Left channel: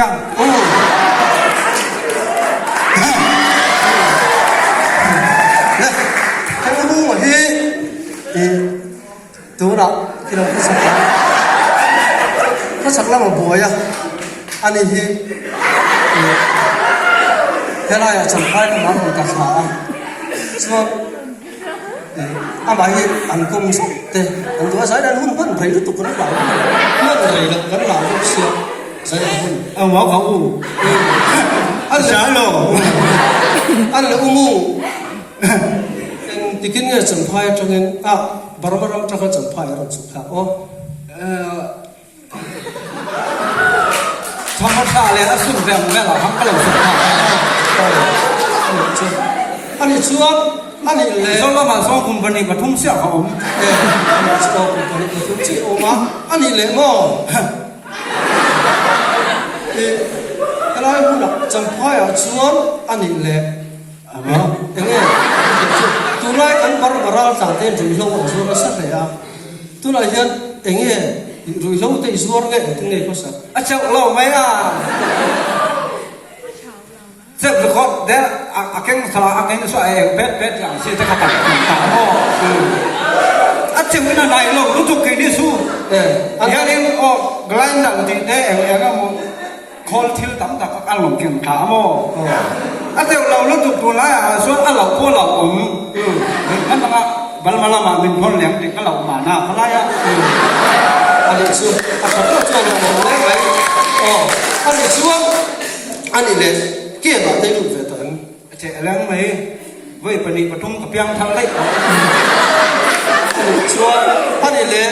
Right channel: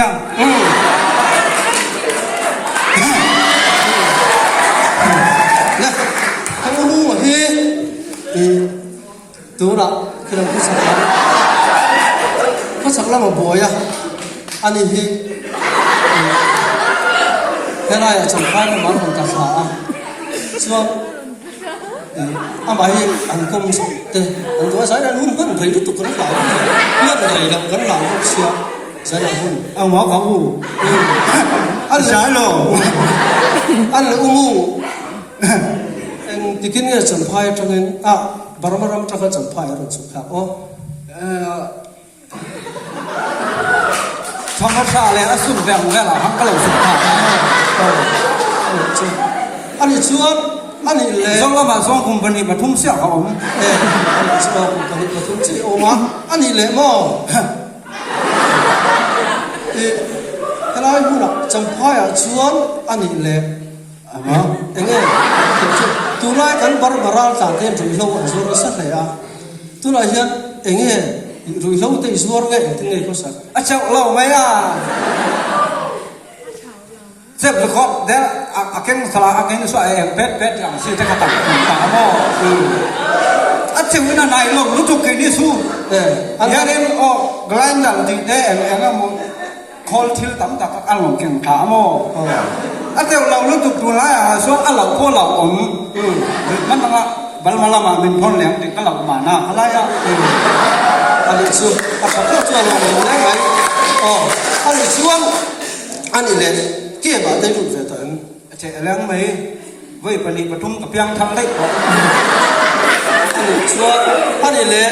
นะให้เราหูที่ตัวเราที่เราพูดสักแล้วมาบ่อยอ่ะอันนี้ที่เวลาจะไปมันมันของกาแฟส่วนอันไหนอัน公司的很多时候我们陪着都跟老那个陪了跟老吃谁来混我讲我อัน啥咯อันละอุโมงค์ที่กินเนี่ยจันทร์จังบารมีจังจันทร์เราสุขภาพธรรมชาติเลยสุดแบบงั้นเหรอฮักก็เราสุขภาพอันนี้ชัวอันนี้เลยสำหรับมาสองคนคนนี้มาทุ่งเสียเขาเนี่ยอันนี้สองคนคนนี้มาทุ่งเสียออกมาอันนี้เลยมั้งอะไรพูดอ่ะจันทร์ชัวอันนี้เลยอย่างเงี้ยตัวน้อยกันบาร์บาราต่างกันดูเขาชัวสักเลยตัวน้อยเนี่ยอย่างเงี้ยดูเขาที่ชัวร์เนี่ยตัวนี้ก็สักเจ้าเราไม่เจ้าลูกคนเดี๋ยวอาเก่งสละอาเก่งสวยเป็ดอย่างสิ่งที่เขาตัดขาโม่เจ้าเนี่ยนายเรารู้ทุกอย่างสู้อันนี้ออกกลางดังที่เด้ก็มึงคอลทิลตั้มตะกันหลงจุ่มขาโม่เจ้าเรารู้ทุกตัวละส่วนเราพวกเรามันต้องบัลมาลามาเป็นคนเลี้ยงที่ก็เรามาหน้าอะไรอันนี้ส่วนอันนี้ตัวเราไงอันนี้ส่วนอันนี้เนี่ยเกี่ยวกับได้รู้เรื่องเจ้าเรื่องไหมเว้ยปนิปทุมกับยังทางเล็กอันนี้ส่วนอันนี้เนี่ย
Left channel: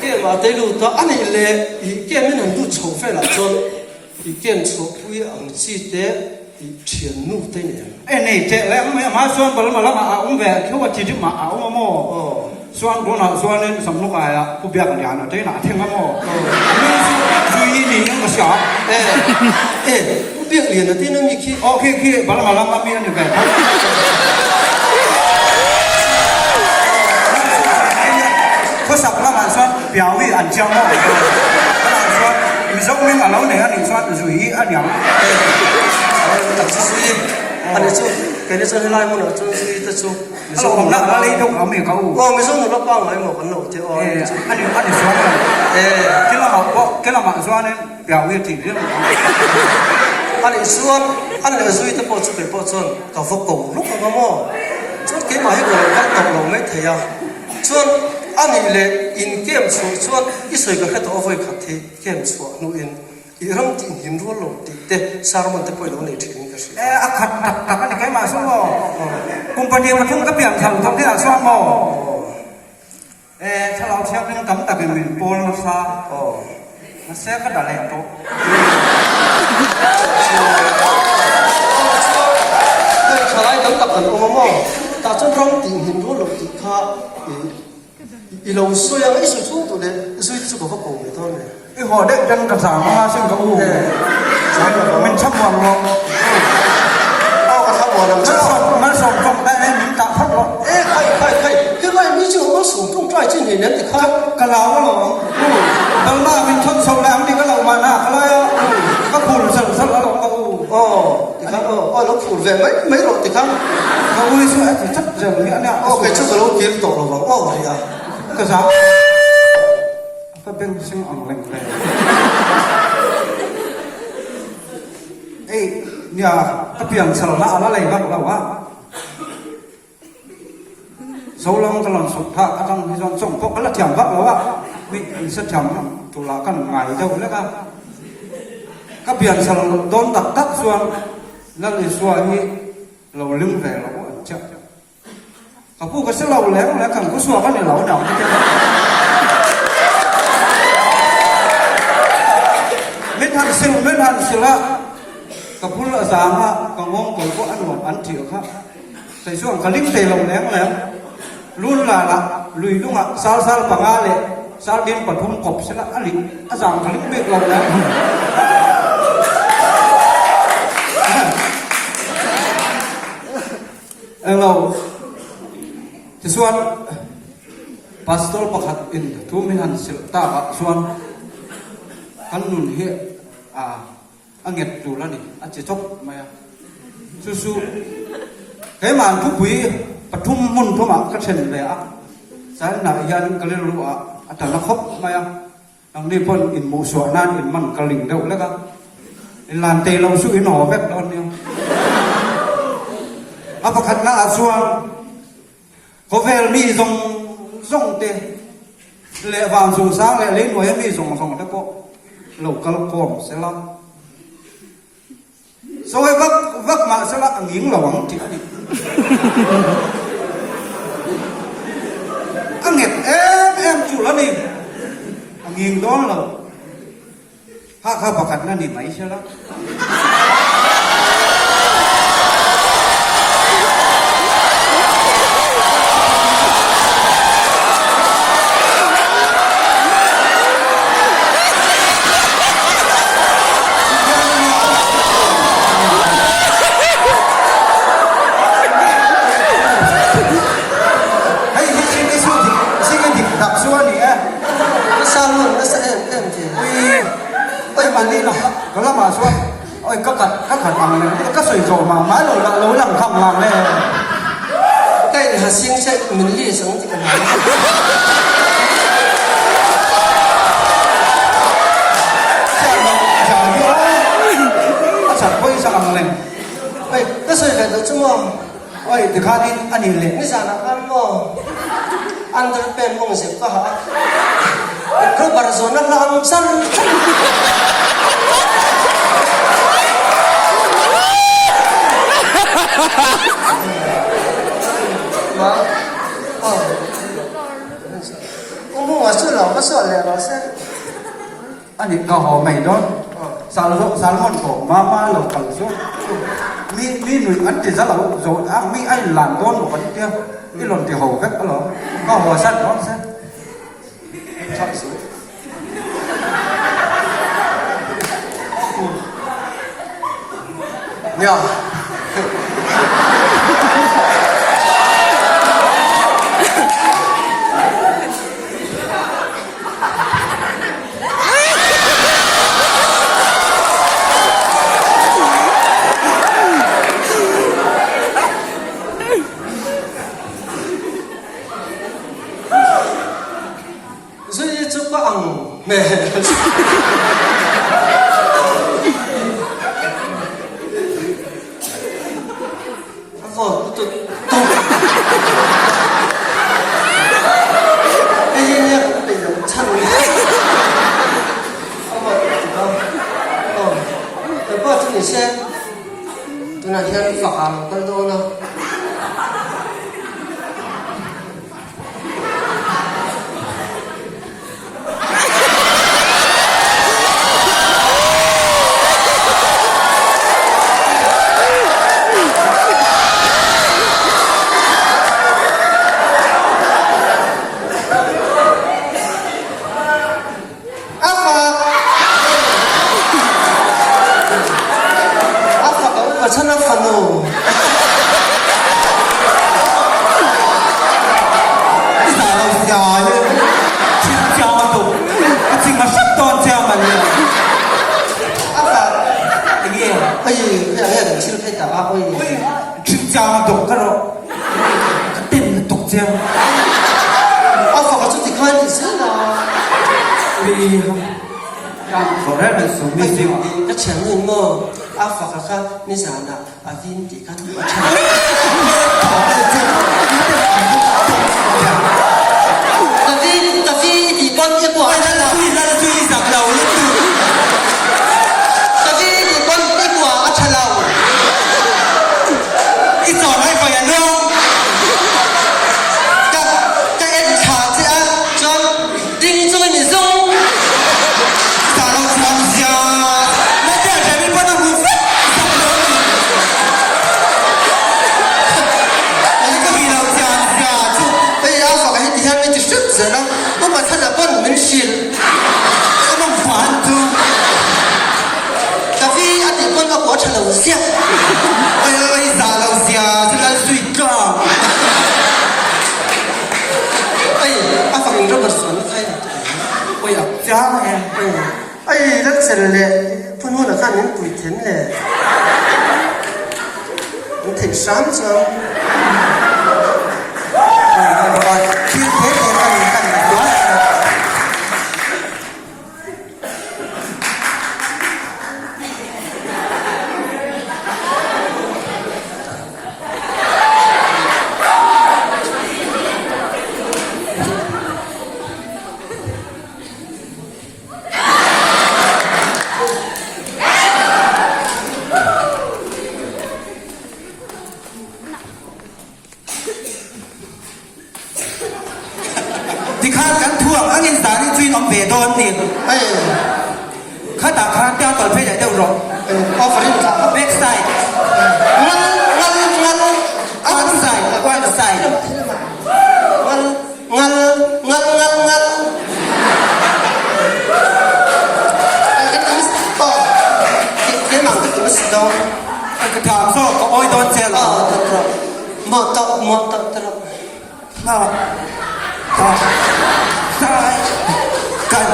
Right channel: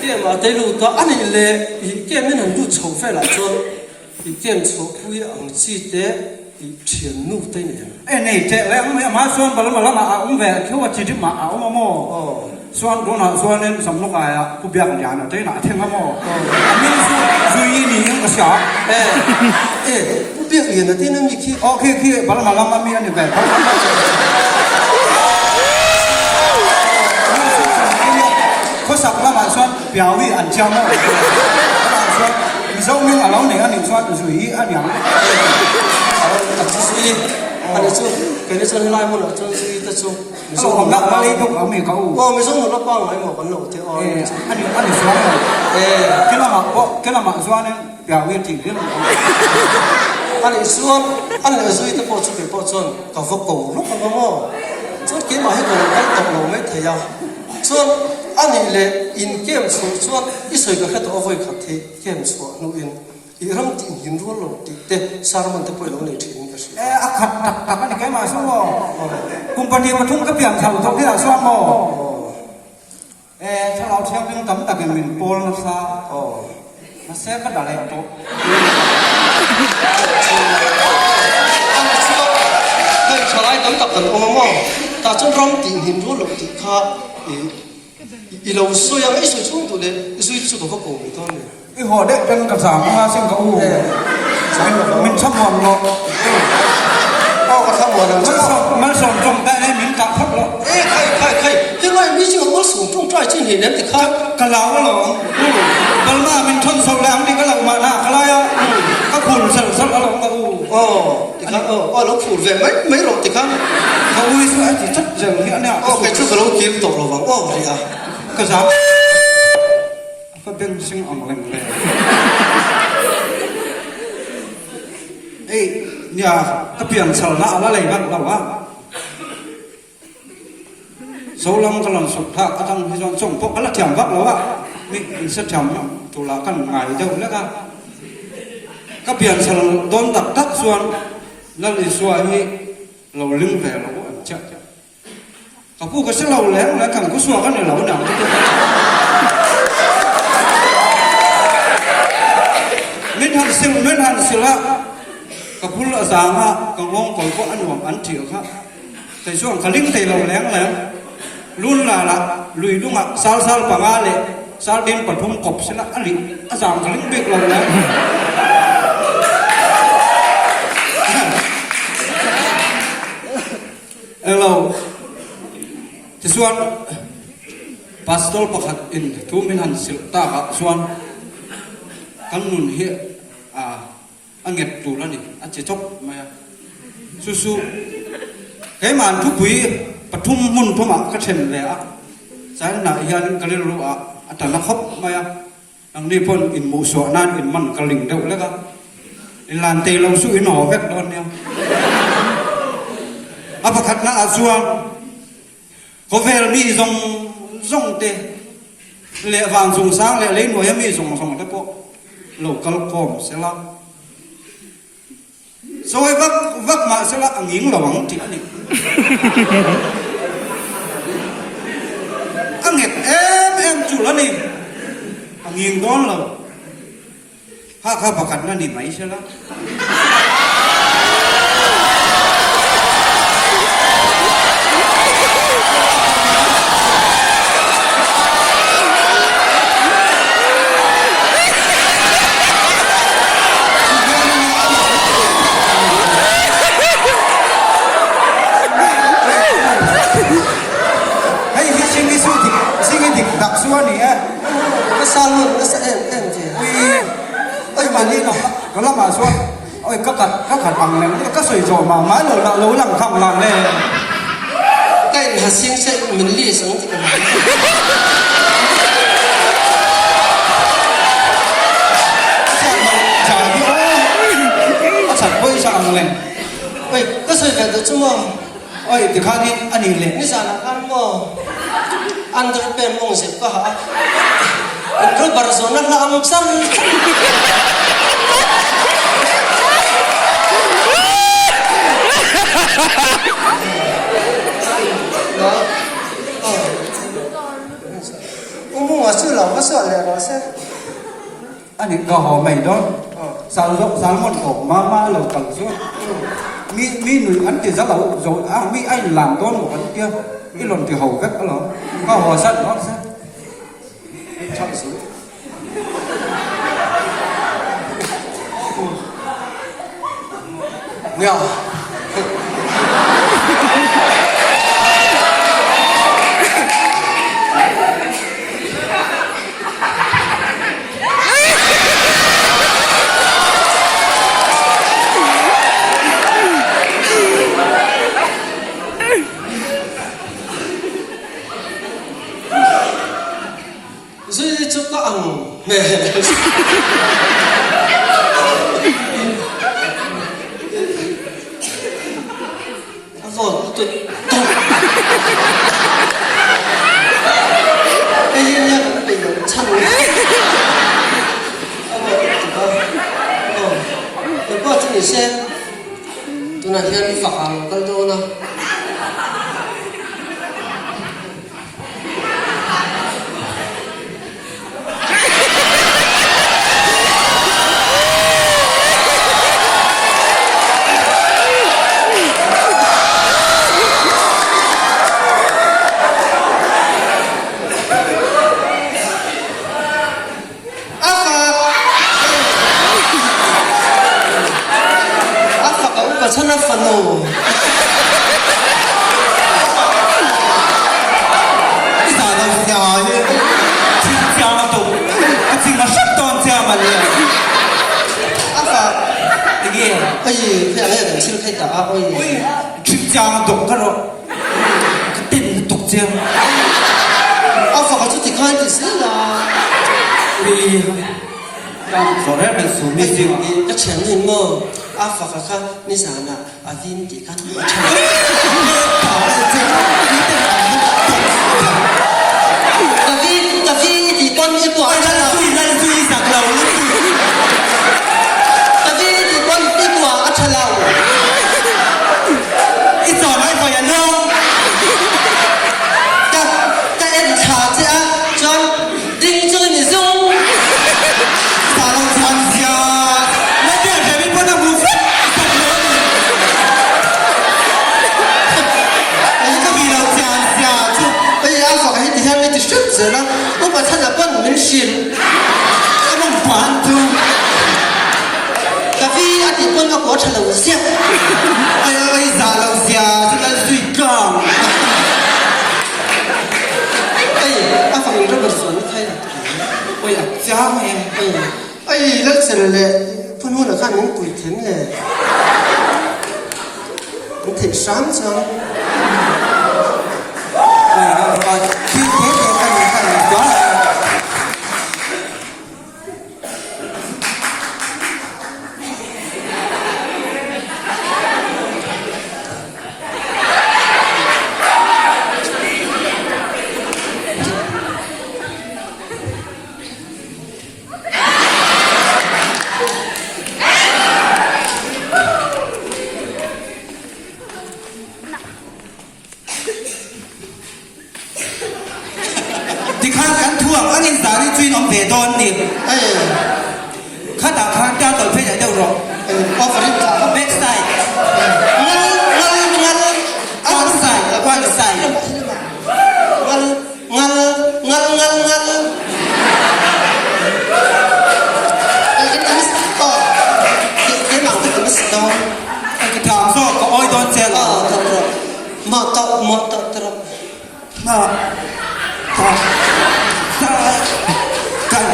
เกี่ยวกับได้รู้ตัวอันนี้เนี่ยเกี่ยวกับมันดูโฉมเฟล่ะส่วนเกี่ยวกับโฉมผู้ยังจีเดเพียงนู่นได้เนี่ยนี่เจ้าเรื่องไหมมาส่วนบัลมาลามาอุ้มเวคือว่าจีที่มาอุ้มโม่ส่วนคนส่วนนั้นสำนักอะไรกูเบียกันอย่างนั้นเจ้าหน้าที่โม่นี่คือนี่ยังก็ชอบกูเบียเรียนที่นั่นมีขี้โอเคบัลมาลามามีอะไรกันเขาสักแล้วมาส่วนเบียวิอันเจ้าโม่ส่วนมีส่วนนึงเราเนี่ยนี่ส่วนจุยอันอย่างอันนี้จู่เป็นส่วนไล่มันหรอจู่แต่จู่เราผมนักอะไรทุกเขาไม่เขาไม่ส่งเราป้องไว้หมดกันหนูที่อันนี้ส่วนที่เรามาส่วนนี้เปล่าวิธีที่เราอันนี้ส่วนที่พอชุดเป็นพอชุดกับพวกกูลูกของมันส่วนเกี่ยวกับให้เราได้ตกลงไม่เที่ยวส่วนอันนี้เลยอินเกมส่วนอีส่วนก็ให้ตัวเอาไว้ขัดที่เกมส่วนนู้นอีเรื่องที่หิมรู้หลงติดเด็กสารมันจะไปหลงในที่นี้ก็ใช่ขัดกันในแก่มาส่งก็กุมปนีมาทุ่งก็เปลี่ยนแถวตรงที่เราส่งก็ถ้าเราเที่ยวเป็นตั้มแต่เป็นมินโปลซามาเสกก็ได้แล้วปุ๊บเฮ้ยชาวไร่ตั้งกับเป็นโอโม่แต่จนร้องติ่งหิมรู้หลงติดข้าอีเราสวยไม่สวยช่วงตัวเด็กสวยสุดเขาโกงไม่ต้องเลยอีหัวเด็กจังกับสามมาซึ่งเขาอู้มันชักวันเนาะชักวันมันส่งแต่เนี่ยมันกับพัดหรอใครที่ว่ามีชื่อว่าสูงทุ่งใจจริงเนี่ยติดข้ากะเหลาหรอบัลมามันชนโซแรงที่กะเหลามาหน้าอะไรก็ผุนสั่นๆแล้วก็อู้ติดข้าแล้วผุนแหวนไม่หลบติดข้าเขาอุ้ยสวยที่ชัดเจนเนี่ยเนี่ยใครชื่อเราเก็บตกเราบ้างอะไรอ่ะก็สามก็เป็นสิ่งอ่อนแรงเลยเนี่ยถ้าเปลี่ยนสถานะอะไรบ้างเราวะโซลังกำลังสุขภาพกำลังที่ส่งพวกกระเทียมวัดเราวะมีสัจธรรมตุลากันไงเท่าแล้วกันก็เปลี่ยนสถานะโดนตักส่วนนั่นเลยส่วนนี้เราลืมไปเราเจ็บก็พูดกับเราแล้วกันก็ส่วนกันเนี่ยเราหนาวที่จะไม่ทันสิละกับพูดละสามะกับวงก่อยก็อันหวงอันเถียวครับแต่ช่วงขลิ้งเตะเราแรงแล้วรุ่นละลุยลุงอ่ะซาลปังอาเลยซาลดินปัดพุ่งกบสิละอันนี้อาจารย์ขลิ้งเบกเราแล้วเราจะส่วนพาสตอร์ประคัดอินทุ่มินันสิลตากับส่วน kan nun hi anget tu la ni a che chok ma su su he man phu pui pathum mun thoma ka them le a san na yan kalil ru a atana khop ma ya ang ni pon in mu so nan in man kaling deuh le ka in lan te lo su in ho vek don ne a pakhat na a suan ko vel mi zong zong te le vang zong sang le le no ya mi zong zong te po lo kal kom se la rồi vấp mà sẽ là nghiến vào bóng thì anh nghẹt em chủ là nìm nghiến đó là ha bạc cắt là nìm ấy sẽ là đó là mà xuống ôi các khả bằng này các sợi rồi mà mãi rồi bạn lối làm không làm này cái hạt sinh sẽ mình liên sống thì cần chẳng quay sang này ôi cái sợi phải được chứ mà ôi từ khá đi anh nhìn lên ni sao là ăn mà ăn được bên mông xếp có hả cứ bảo rồi nó làm sao đó ông mua ở chỗ nào có sọt lẹ đó xem anh nhìn họ mày đó sáng một cổ ma lẩu cẳng xuống mi nữ ăn thì rất là rồi mi anh làm đón một cái kia mi lần thì hầu vết đó có họ sắt đó xem chọn xuống nhờ rồi chụp có ăn mẹ cái gì nhá bị chăn tôi có cho mình xem tôi là thiên phật hàng con tôi nào chân nó phần nổ cái gì là già như chim già tụng cái chim là sắp toàn già mà nhỉ cái gì cái gì cái này là chim thay tả ôi chim già tụng cái rồi cái pin tụng già phải có chút thì coi thì sẽ là đi rồi đấy mình xuống mình gì cái chuyện gì mà phải cái ni sao nè vin thì cái Tapi thì con cái quả đó là chui sạc lầu Tapi thì con cái quả thật lầu cái trò này phải là đâu các em thả chứ cho đinh cho你用啥都放下那这前面不能不分底下那就顺子了，我把他的关门心，我们烦住。咖啡阿弟关个国产楼下，啥楼下？这个水缸。阿放你这个手开的，哎呀，家伙呀！哎แล้วเสร็จเลยพูดว่าข้างนั้นกุยถึงเลยมันถึงซ้ำซ้ำ ที่เทสกันว่า ที่ข้ากันทั่วอันนี้สารนี่จุยน้องเดดอนนี่ข้าต่างข้างแก้วต่อยเพื่อใหญ่เด้อหรอกพอฝรั่งจากเว็บไซต์งั้นเอาใส่กว้างใส่งั้นไอ้กันนี่ต่อที่หลังที่มันสะดวก ไอ้กระถางโซ่ก็อ้อยโดนเซลล์ ตรมอตตร น่าต่อใส่กัน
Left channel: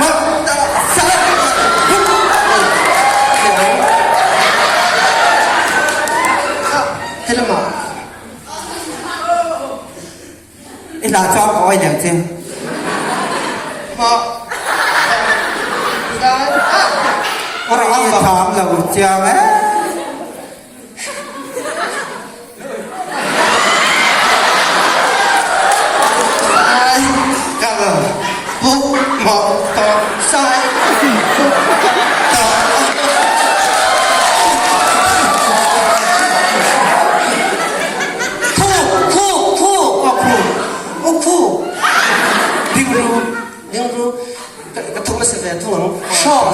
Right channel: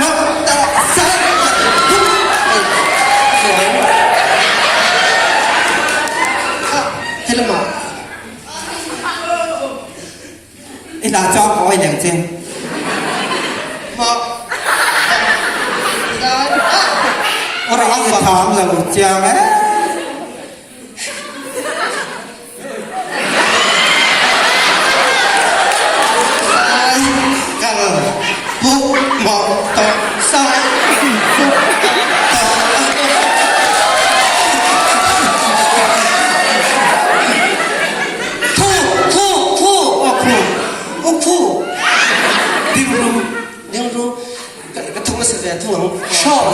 มาต่อใส่ ที่ละหมาด ไอ้หลานจอมอ้อยอย่างเช่น มาได้ เราเอาถามเราเจ้าไหมกันปุ๊บหมอต่อใส่ปุ๊บต่อคู่ดิ้งรู้กระทุ่งกระเสด็จทุ่งชอบ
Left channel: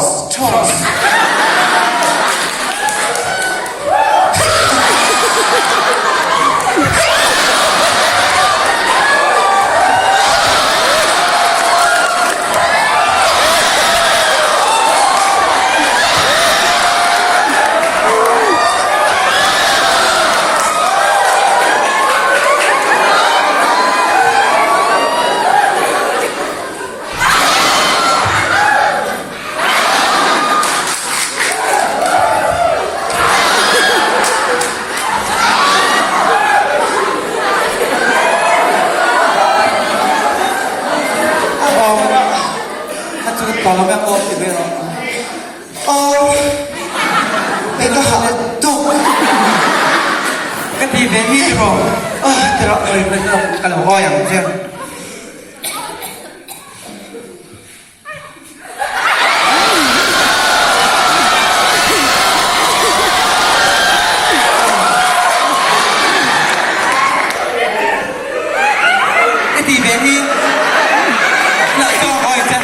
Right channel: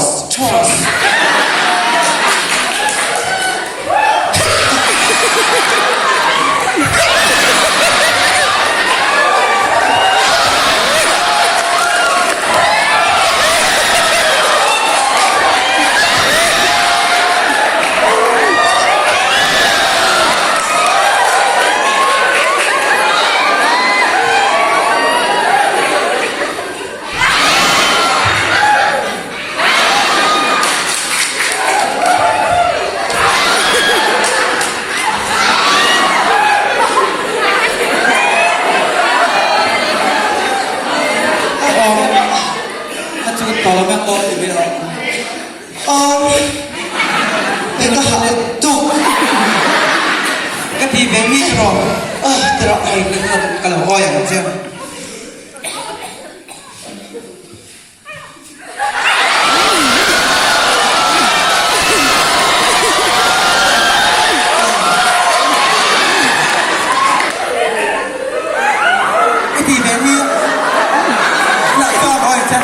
ต่อแล้วแม่โอ๊ตอีกแล้วเอ็งก็หาตุกก็ทีเบนี่หรอแต่เราเป็นกันหัวอย่างเช่นก็ทีเบนี่หลักก็อ้อยเช่น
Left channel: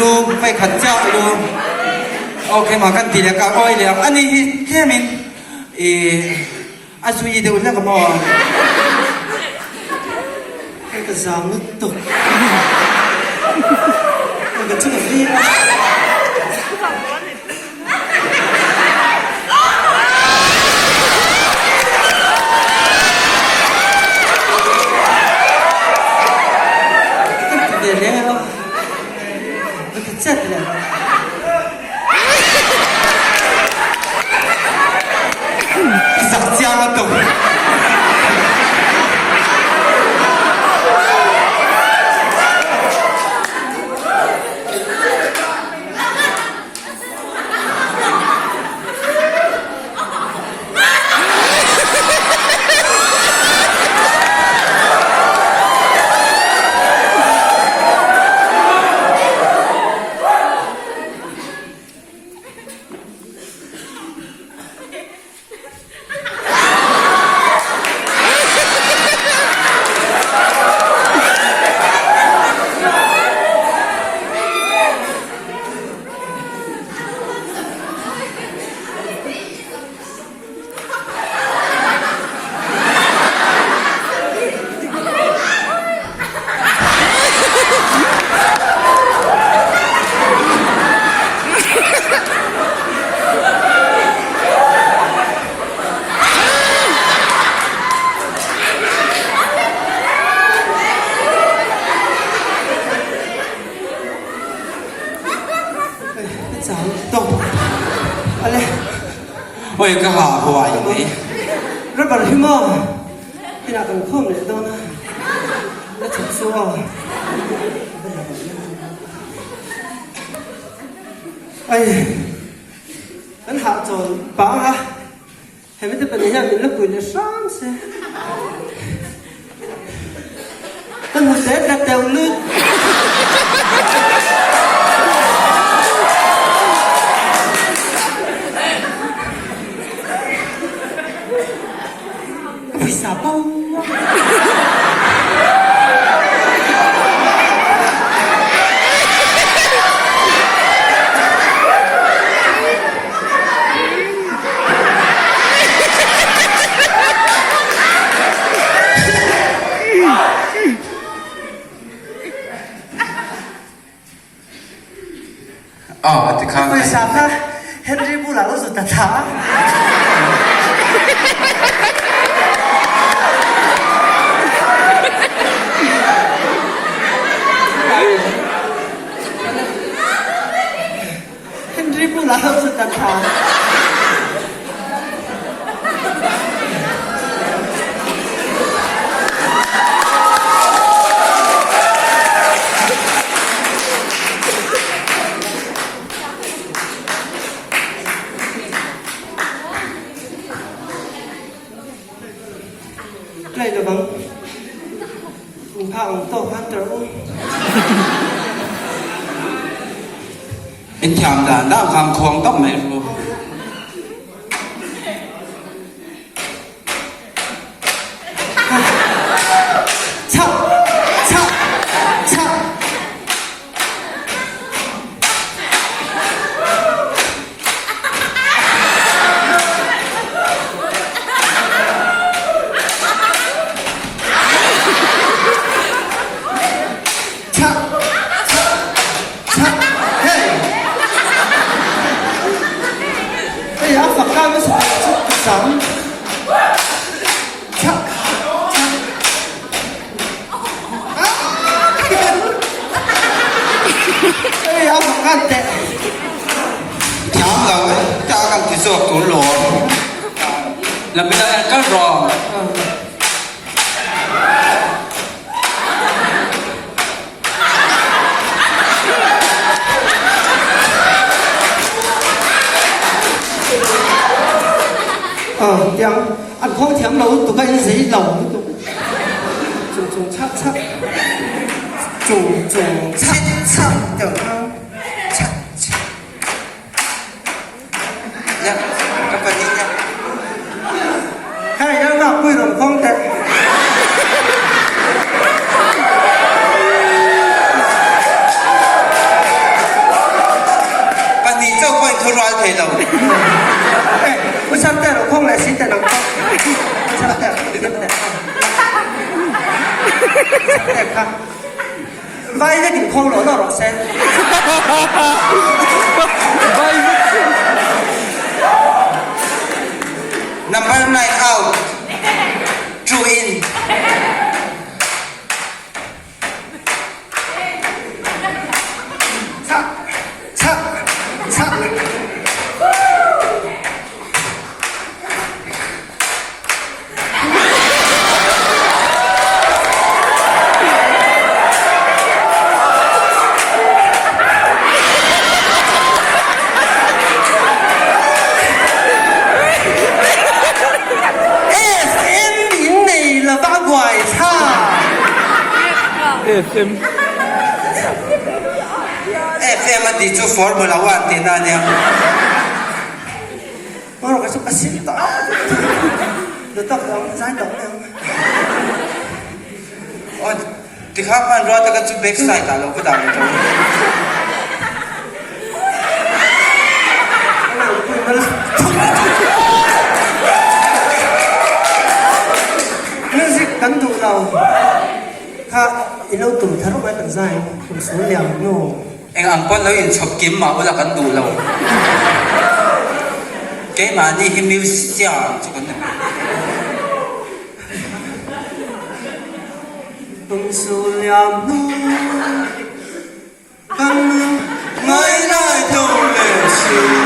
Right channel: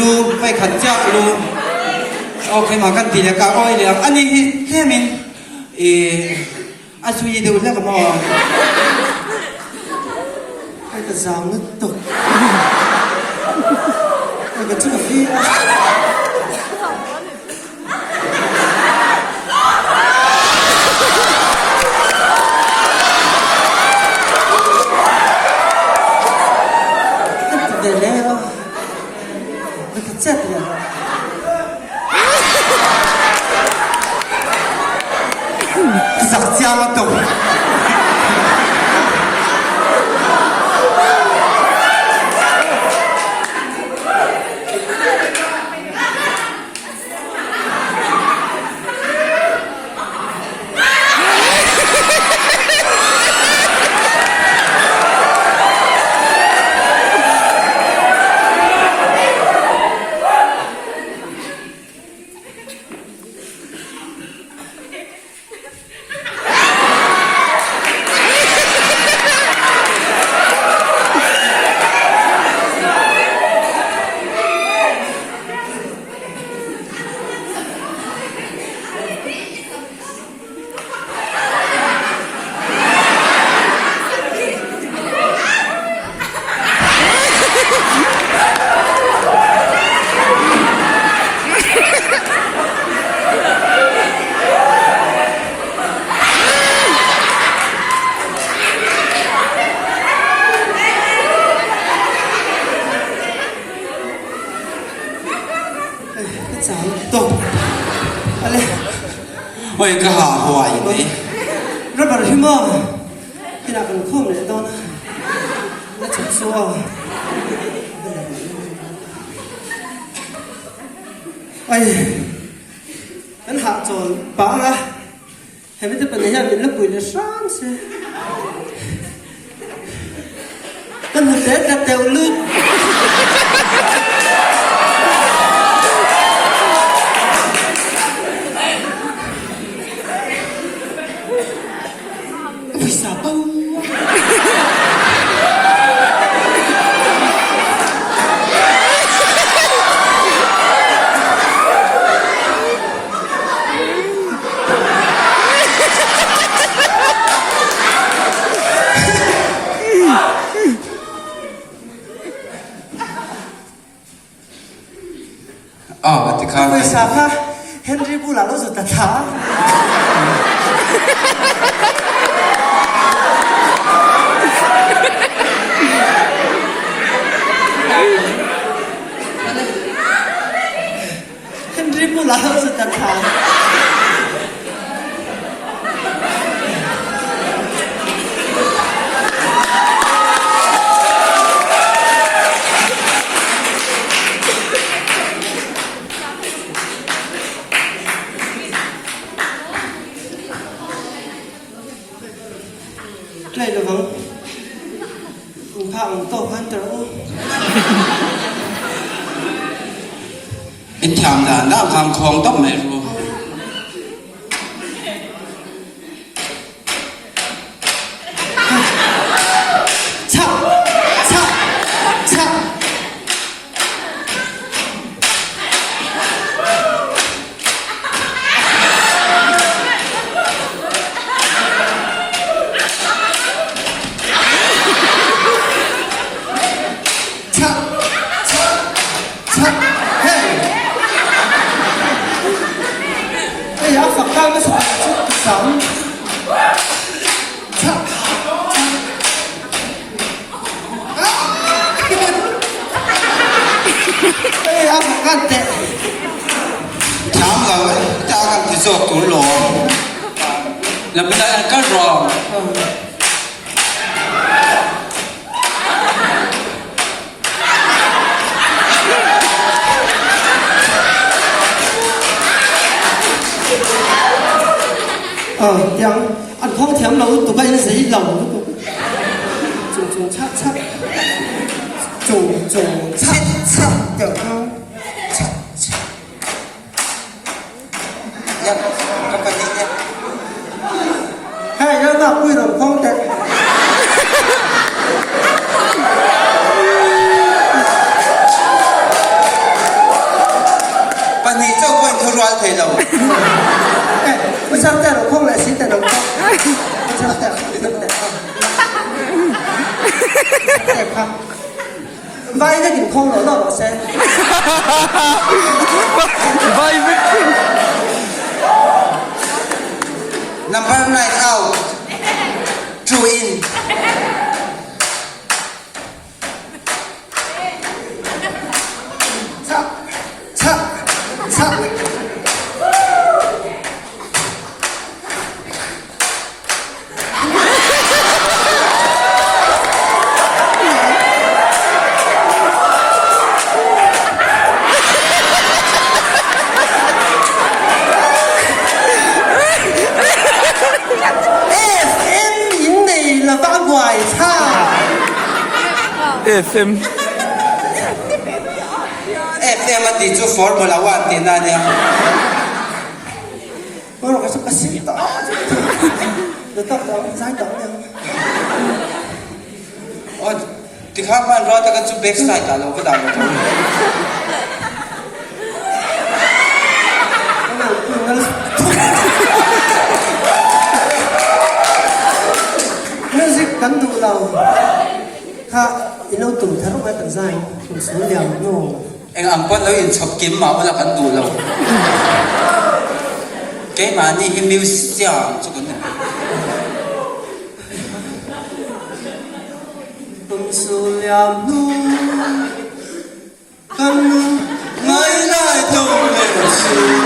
ลูไปขัดเจ้าลูโอเคมากันทีละก้าวอ้อยเลยอันนี้เฮ้มินอาสุยเดี๋ยวเลิกกับมอไอ้กระซามนี่ตกมันก็จะแบบนี้เดี๋ยวนี้เนาะเจ็ดเลยสักเจ้ามาตุก เลย 왜 이거 하와 이거 รถบัสพี่ม่อที่นักกันข้อมเลยต้นแล้วถูกซัวไอ้ฉันหาโจรป้าวะเห็นไม่ได้เป็นอย่างนี้แล้วปืนเลยซ้ำเสียฉันหัวใจกระเจียวลื่น Bisa bau. Oh, at the car. Bisa kah? Henry pulang lo sudah tahu. Henry pulang lo sudah tahu. Đây là vâng Phá ông tổ phan trở Ít chạm là đã khang khong tóc mày rồi Chạ Chạ Chạ Ê, áo Phật cao nó sẽ chút sống Chạ Ê, áo Phật cao tệ Chạm là ta cần thì sọt tủ lò Là bây giờ em có rò Chẳng ăn không thèm đâu tụi cái gì lòng Trùng chát chát Trùng chát chát Chẳng không Chát chát Dạ, các bạn nhìn nha Hai cái đó quy đồng không tệ Bạn nhìn cho quanh thôi rồi thầy đầu Nó sắp tệ nó không lại xí tệ đồng không Nó sắp tệ Sắp tệ không Vai cái điểm không nó rồi xem Vai Number 9 out Two in Chạ Chạ Chạ FM in này là ba ngoài tha FM FM mà đi cho Formula 1 thì nào nha Nó là cái sự xịt tỏ Được tập đó, giải đó nè Ôi, thì khác bạn rồi ta cần chụp backside cả lâu cái đảo này trông Music cắn tụ đầu Ha, ino tụ thật không ai tận dài Tụ số liều ngô Anh ăn con nói in chọc kiếm mà là cắn đủ lâu Cái mà đi hi music cho cái này Tụ số liều ngô Cắn Mới ra trong lệ sự